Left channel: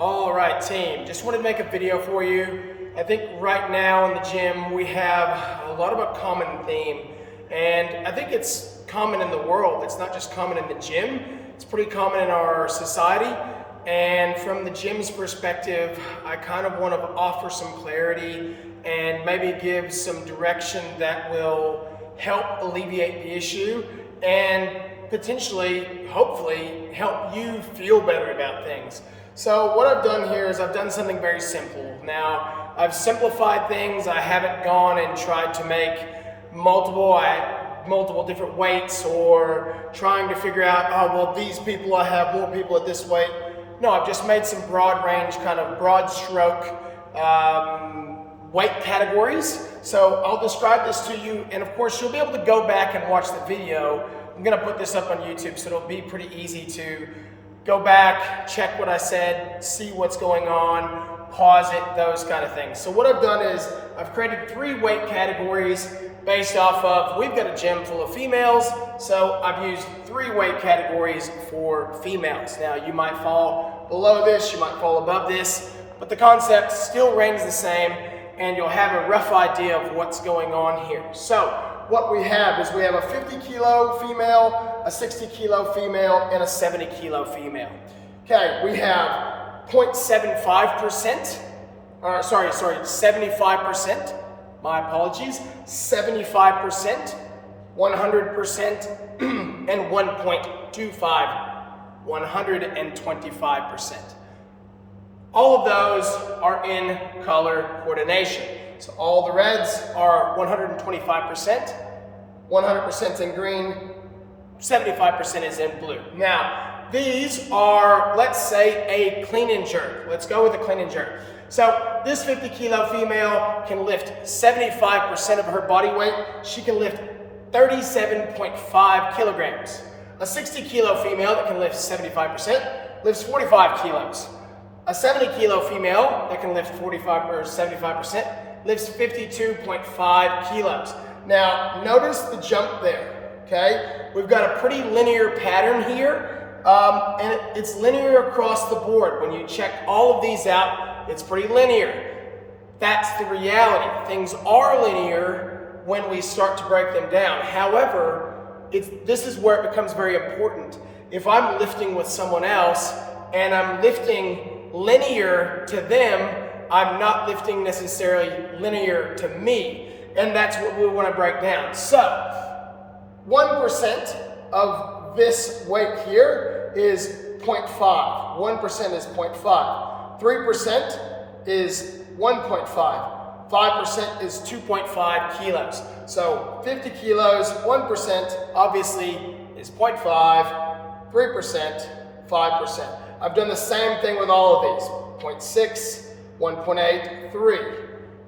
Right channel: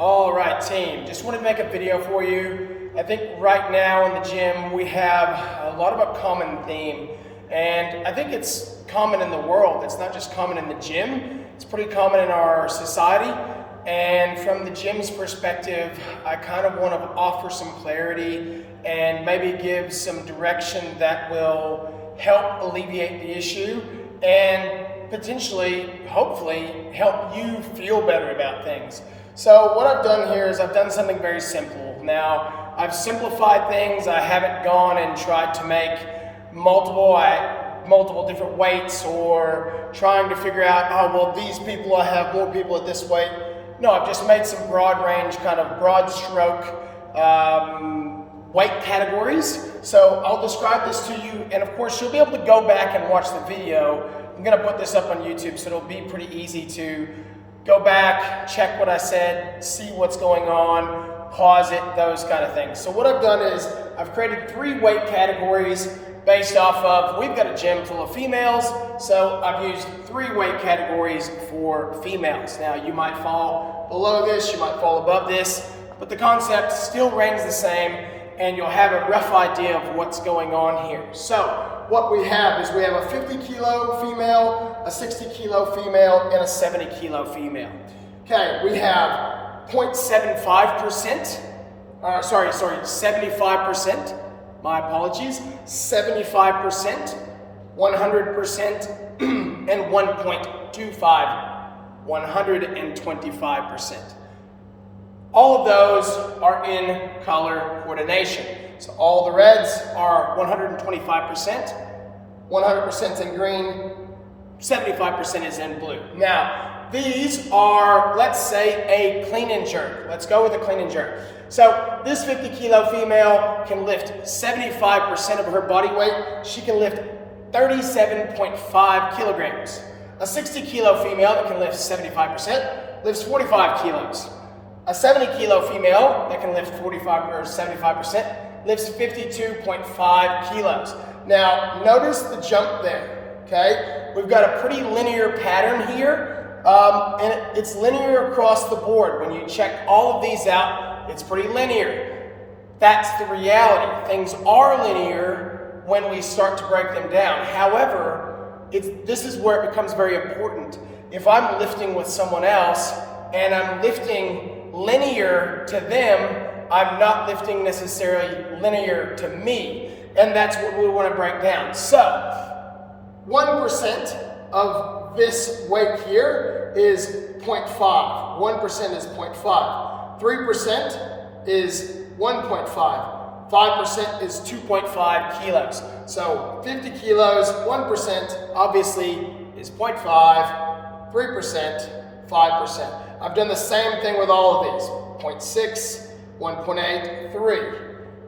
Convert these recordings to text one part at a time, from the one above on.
All right, team, just wanted to make a video for you. I think right now in the gym we have a lot of a common theme, and I think it's common in the world. It's not just common in the gym, it's pretty common in our society. And from the gym's perspective, I kind of want to offer some clarity and maybe give some direction that will help alleviate the issue and potentially, hopefully, help you feel better about things. So what I've done here is I've done something very simple. Now, I've simplified things. I haven't gone and tried to make multiple different weights or trying to figure out, oh, well, these people, I have more people at this weight. No, I've just made some broad range, kind of broad stroke weight categories. So I'll describe this to you, and of course you'll be able to go back and watch the video. I'm gonna put this up on YouTube, so it'll be pretty easy to go back, check what I said, see what's going on, pause it, those kind of things. So what I've done is I've created 3 weight categories based off of, we've got a gym full of females, so I've used 3 weight categories for females. Now you might fall below this, you might fall above this, but the concept still remains the same, and you'll have a rough idea of what's going on here. So what we have is we have a 50 kilo female, a 60 kilo female, and a 70 kilo female. Okay, we have 0.75%, 75%, my apologies, 75%, 100%, and 1.25, 125%. All of those are in color coordination. So all the reds are 125%, 100% in green, 75% is in blue. Now, these are, let's say, a clean and jerk. Let's go with a clean and jerk. So this 50 kilo female can lift 75% of her body weight. She can lift 37.5 kilograms. A 60 kilo female that can lift 75% lifts 45 kilos. A 70 kilo female that can lift 45 or 75% lifts 52.5 kilos. Now, notice the jump there, okay? We've got a pretty linear pattern here, and it's linear across the board. When you check all of these out, it's pretty linear. That's the reality. Things are linear when we start to break them down. However, this is where it becomes very important. If I'm lifting with someone else and I'm lifting linear to them, I'm not lifting necessarily linear to me, and that's what we want to break down. So 1% of this weight here is 0.5. 1% is 0.5. 3% is 1.5. 5% is 2.5 kilos. So 50 kilos, 1% obviously is 0.5, 3%, 5%. I've done the same thing with all of these. 0.6, 1.8, 3,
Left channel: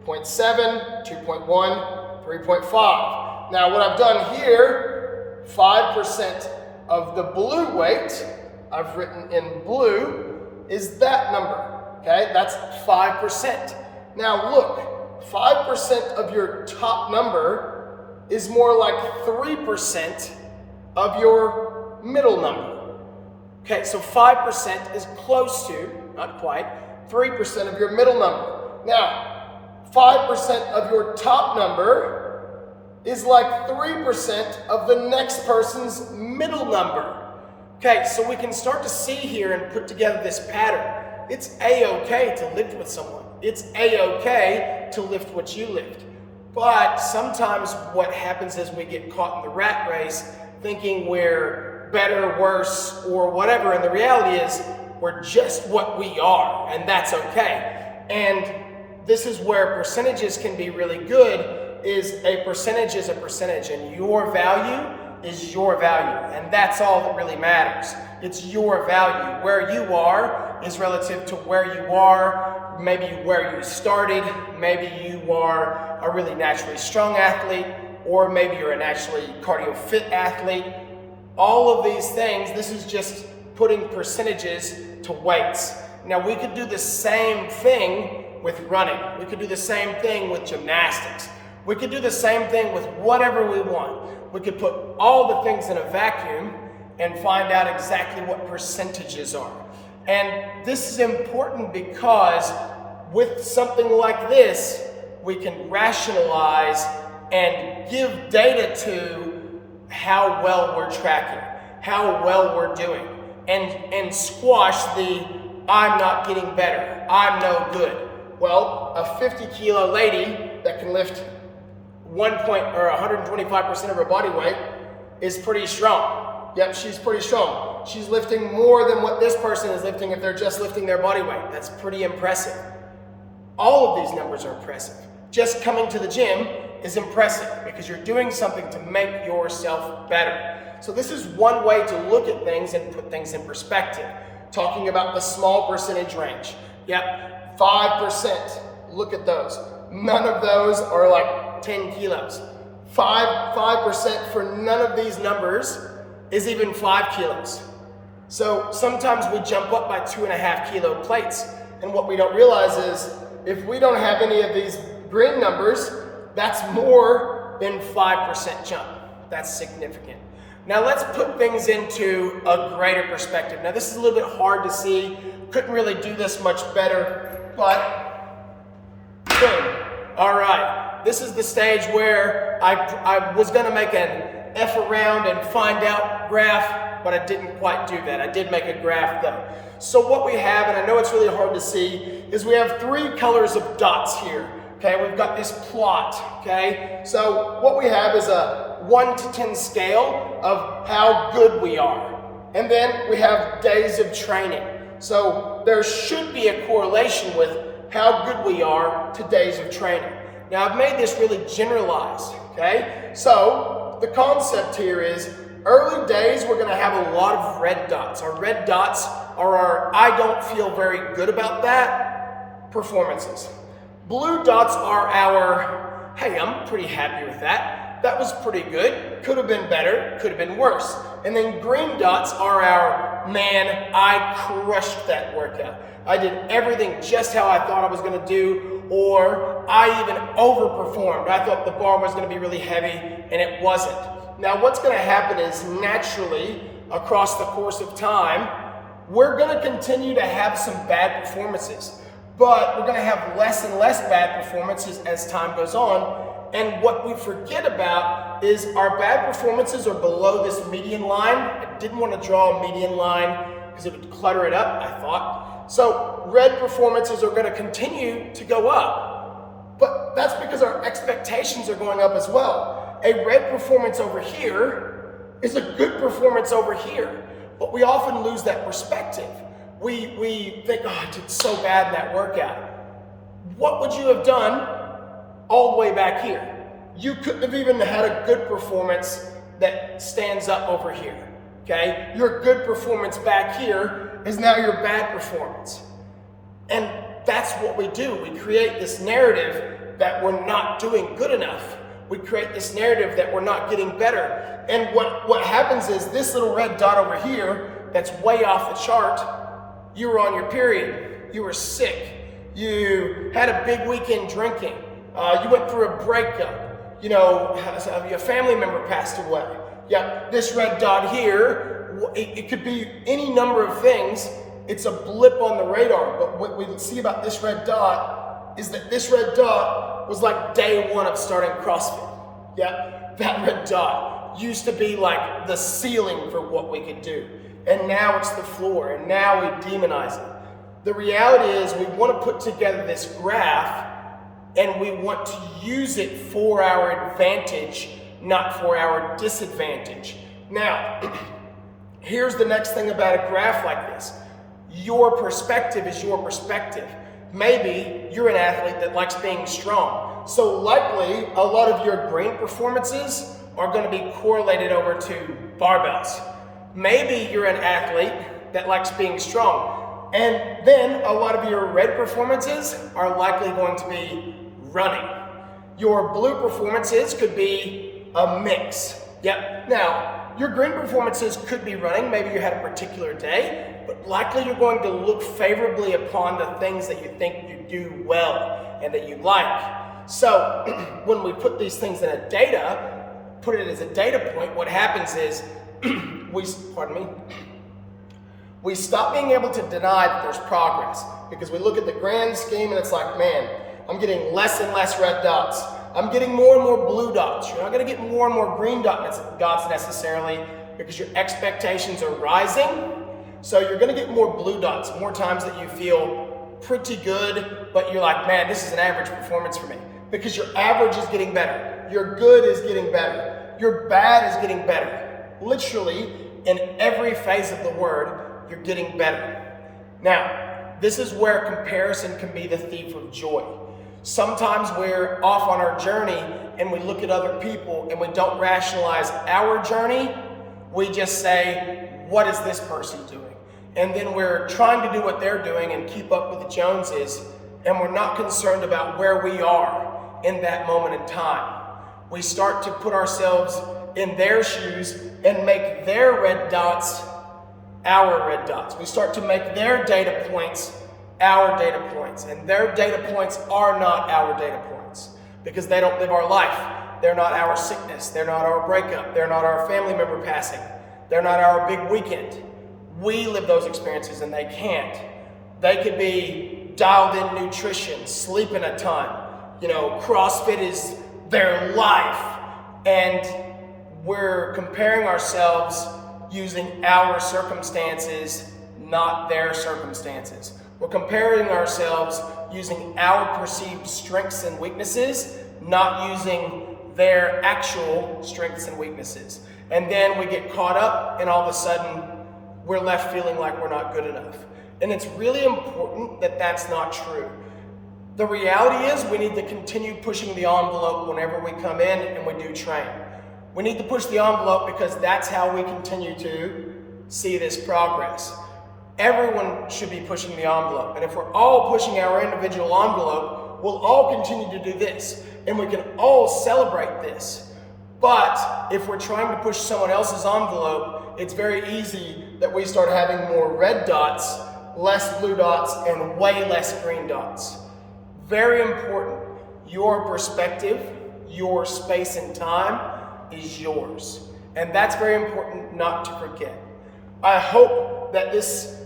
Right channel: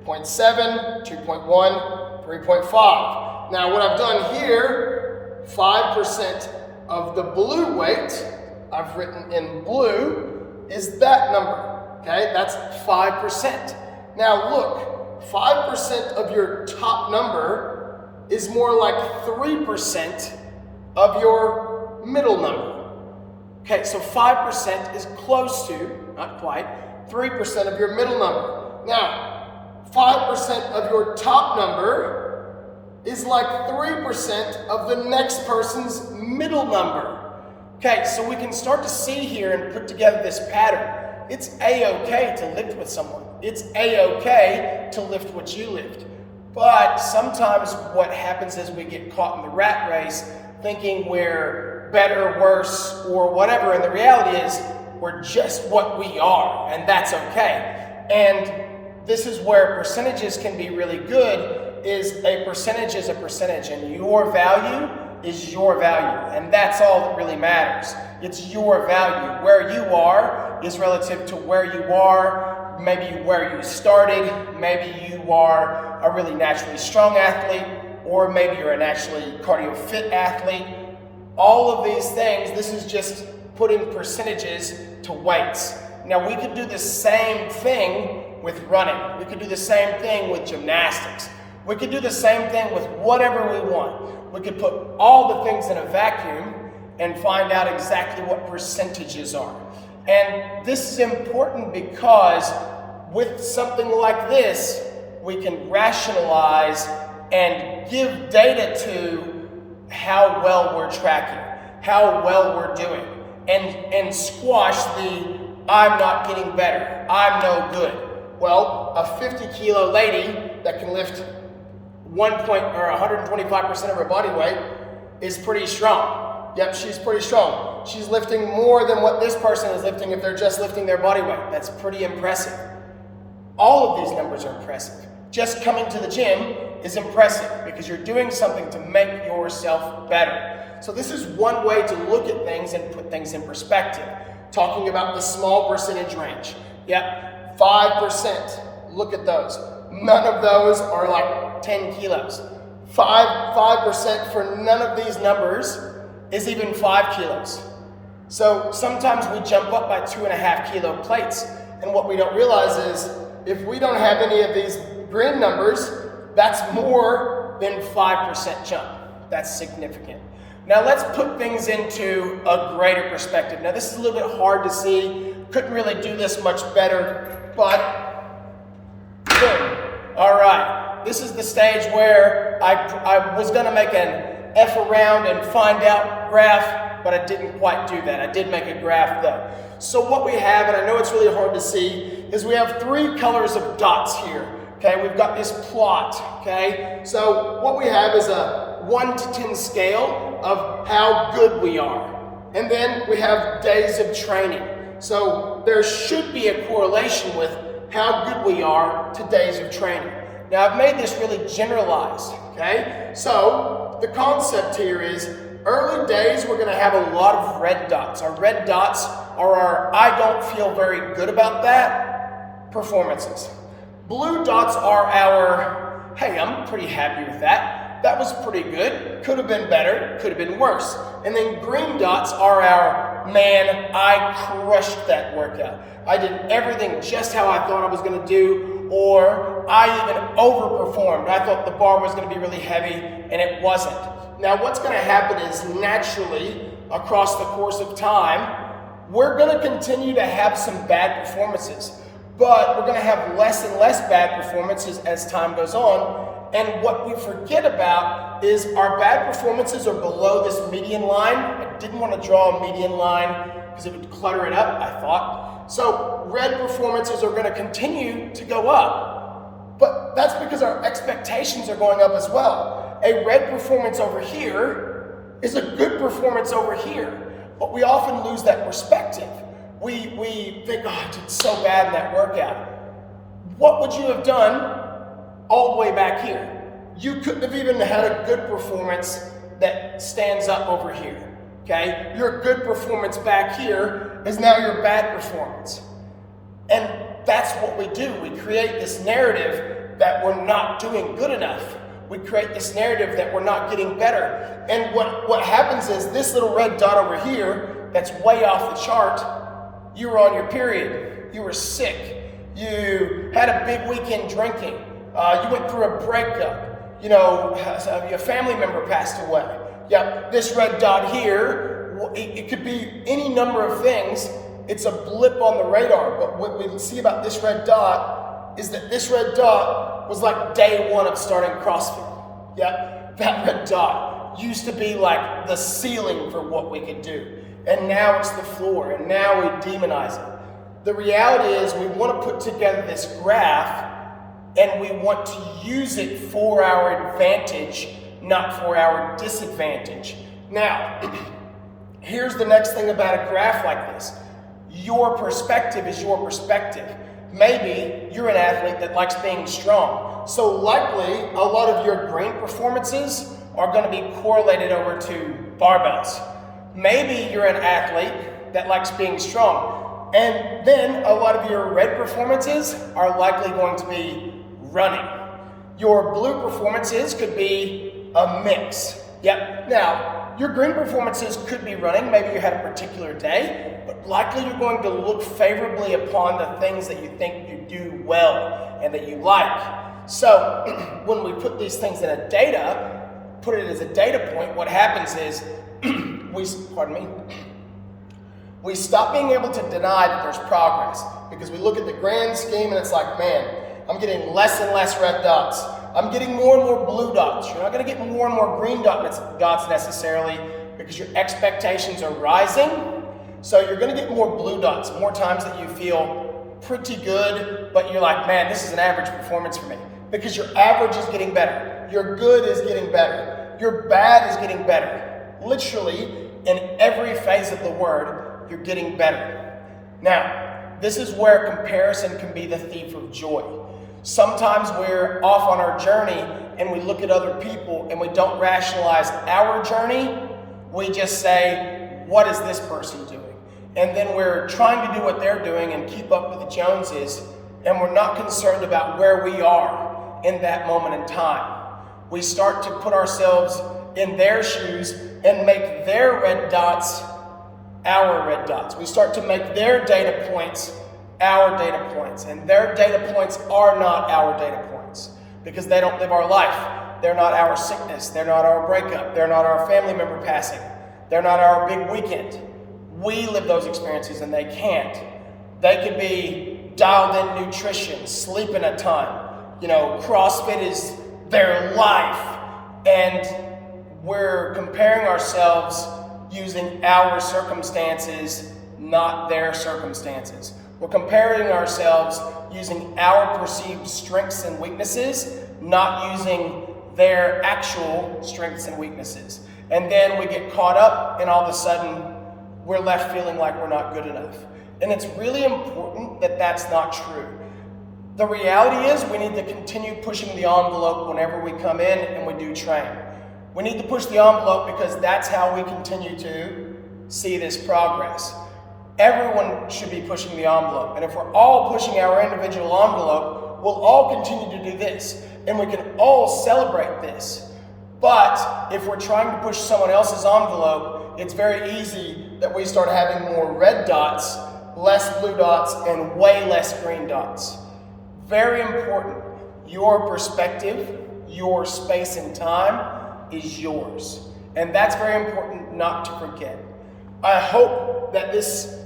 0.7, 2.1, 3.5. Now what I've done here, 5% of the blue weight, I've written in blue, is that number, okay? That's 5%. Now look, 5% of your top number is more like 3% of your middle number. Okay, so 5% is close to, not quite, 3% of your middle number. Now, 5% of your top number is like 3% of the next person's middle number. Okay, so we can start to see here and put together this pattern. It's a-okay to lift with someone. It's a-okay to lift what you lift. But sometimes what happens is we get caught in the rat race thinking we're better, worse, or whatever, and the reality is we're just what we are, and that's okay. And this is where percentages can be really good, is a percentage, and your value is your value, and that's all that really matters. It's your value. Where you are is relative to where you are, maybe where you started, maybe you are a really naturally strong athlete, or maybe you're a naturally cardio fit athlete. All of these things, this is just putting percentages to weights. Now we could do the same thing with running. We could do the same thing with gymnastics. We could do the same thing with whatever we want. We could put all the things in a vacuum and find out exactly what percentages are. And this is important because with something like this, we can rationalize and give data to how well we're tracking, how well we're doing, and squash the I'm not getting better, I'm no good. Well, a 50 kilo lady that can lift 125% of her body weight is pretty strong. Yep, she's pretty strong. She's lifting more than what this person is lifting if they're just lifting their body weight. That's pretty impressive. All of these numbers are impressive. Just coming to the gym is impressive because you're doing something to make yourself better. So this is one way to look at things and put things in perspective. Talking about the small percentage range. Yep, 5%. Look at those. None of those are like 10 kilos. 5% for none of these numbers is even 5 kilos. So sometimes we jump up by 2.5 kilo plates, and what we don't realize is if we don't have any of these green numbers, that's more than 5% jump. That's significant. Now let's put things into a greater perspective. Now this is a little bit hard to see. Couldn't really do this much better, but boom. All right, this is the stage where I was gonna make an F around and find out graph, but I didn't quite do that. I did make a graph though. So what we have, and I know it's really hard to see, is we have 3 colors of dots here. Okay, we've got this plot, okay? So what we have is a 1 to 10 scale of how good we are. And then we have days of training. So there should be a correlation with how good we are to days of training. Now I've made this really generalized, okay? So the concept here is early days we're gonna have a lot of red dots. Our red dots are our I don't feel very good about that performances. Blue dots are our, hey, I'm pretty happy with that. That was pretty good. Could have been better, could have been worse. And then green dots are our, man, I crushed that workout. I did everything just how I thought I was gonna do, or I even overperformed. I thought the bar was gonna be really heavy and it wasn't. Now what's gonna happen is naturally, across the course of time, we're gonna continue to have some bad performances. But we're going to have less and less bad performances as time goes on. And what we forget about is our bad performances are below this median line. I didn't want to draw a median line because it would clutter it up, I thought. So red performances are going to continue to go up. But that's because our expectations are going up as well. A red performance over here is a good performance over here. But we often lose that perspective. We think, oh, I did so bad in that workout. What would you have done all the way back here? You couldn't have even had a good performance that stands up over here, okay? Your good performance back here is now your bad performance. And that's what we do. We create this narrative that we're not doing good enough. We create this narrative that we're not getting better. And what happens is this little red dot over here that's way off the chart, you were on your period, you were sick, you had a big weekend drinking, you went through a breakup, you know, your family member passed away. Yep, this red dot here, it could be any number of things. It's a blip on the radar, but what we see about this red dot is that this red dot was like day 1 of starting CrossFit. Yep, that red dot used to be like the ceiling for what we could do. And now it's the floor, and now we demonize it. The reality is we want to put together this graph, and we want to use it for our advantage, not for our disadvantage. Now, here's the next thing about a graph like this. Your perspective is your perspective. Maybe you're an athlete that likes being strong. So likely, a lot of your green performances are going to be correlated over to barbells. Maybe you're an athlete that likes being strong, and then a lot of your red performances are likely going to be running. Your blue performances could be a mix. Yep. Now, your green performances could be running. Maybe you had a particular day, but likely you're going to look favorably upon the things that you think you do well and that you like. So when we put these things in a data, put it as a data point, what happens is We stop being able to deny that there's progress because we look at the grand scheme and it's like, man, I'm getting less and less red dots. I'm getting more and more blue dots. You're not going to get more and more green dots necessarily because your expectations are rising. So you're going to get more blue dots, more times that you feel pretty good, but you're like, man, this is an average performance for me. Because your average is getting better. Your good is getting better. Your bad is getting better. Literally, in every phase of the word, you're getting better. Now, this is where comparison can be the thief of joy. Sometimes we're off on our journey and we look at other people and we don't rationalize our journey. We just say, what is this person doing? And then we're trying to do what they're doing and keep up with the Joneses, and we're not concerned about where we are in that moment in time. We start to put ourselves in their shoes and make their red dots our red dots. We start to make their data points our data points, and their data points are not our data points because they don't live our life. They're not our sickness. They're not our breakup. They're not our family member passing. They're not our big weekend. We live those experiences and they can't. They could be dialed in nutrition, sleeping a ton. CrossFit is their life. And we're comparing ourselves using our circumstances, not their circumstances. We're comparing ourselves using our perceived strengths and weaknesses, not using their actual strengths and weaknesses. And then we get caught up and all of a sudden we're left feeling like we're not good enough. And it's really important that that's not true. The reality is we need to continue pushing the envelope whenever we come in and we do train. We need to push the envelope because that's how we continue to see this progress. Everyone should be pushing the envelope. And if we're all pushing our individual envelope, we'll all continue to do this. And we can all celebrate this. But if we're trying to push someone else's envelope, it's very easy that we start having more red dots, less blue dots, and way less green dots. Very important. Your perspective, your space and time is yours. And that's very important not to forget. I hope that this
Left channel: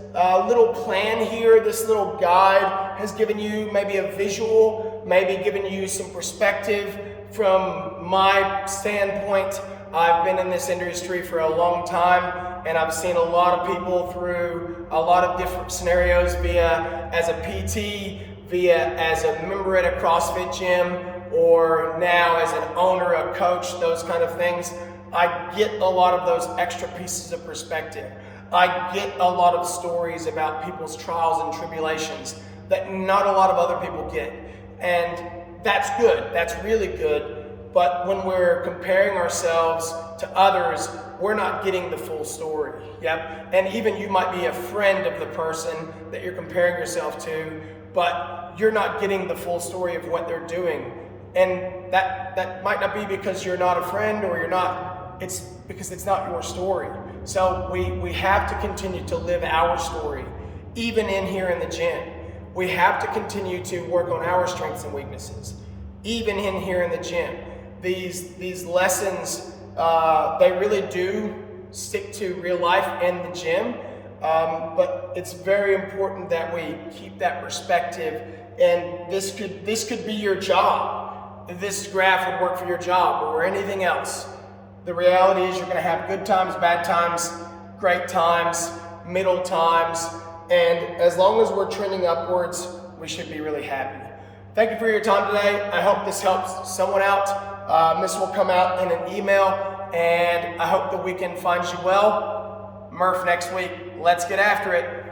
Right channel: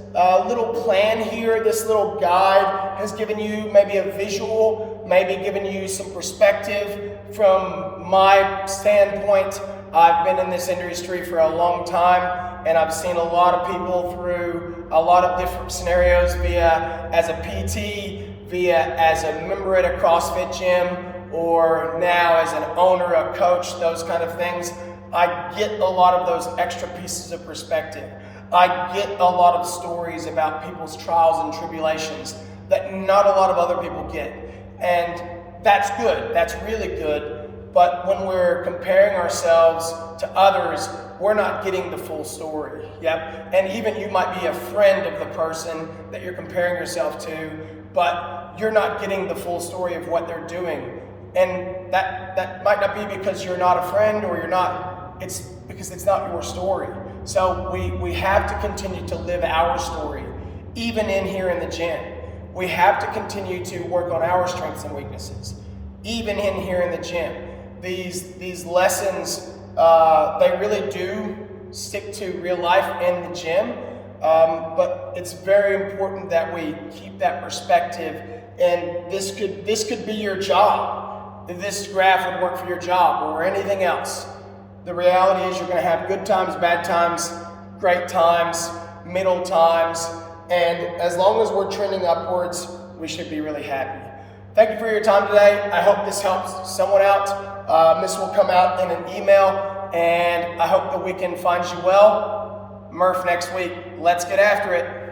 little plan here, this little guide has given you maybe a visual, maybe given you some perspective from my standpoint. I've been in this industry for a long time and I've seen a lot of people through a lot of different scenarios via as a PT, via as a member at a CrossFit gym, or now as an owner, a coach, those kind of things. I get a lot of those extra pieces of perspective. I get a lot of stories about people's trials and tribulations that not a lot of other people get. And that's good, that's really good. But when we're comparing ourselves to others, we're not getting the full story. Yep. And even you might be a friend of the person that you're comparing yourself to, but you're not getting the full story of what they're doing. And that might not be because you're not a friend or you're not, it's because it's not your story. So we have to continue to live our story, even in here in the gym. We have to continue to work on our strengths and weaknesses, even in here in the gym. These lessons, they really do stick to real life in the gym, but it's very important that we keep that perspective. And this could be your job. This graph would work for your job or anything else. The reality is you're going to have good times, bad times, great times, middle times, and as long as we're trending upwards, we should be really happy. Thank you for your time today. I hope this helps someone out. This will come out in an email, and I hope the weekend finds you well. Murph next week. Let's get after it.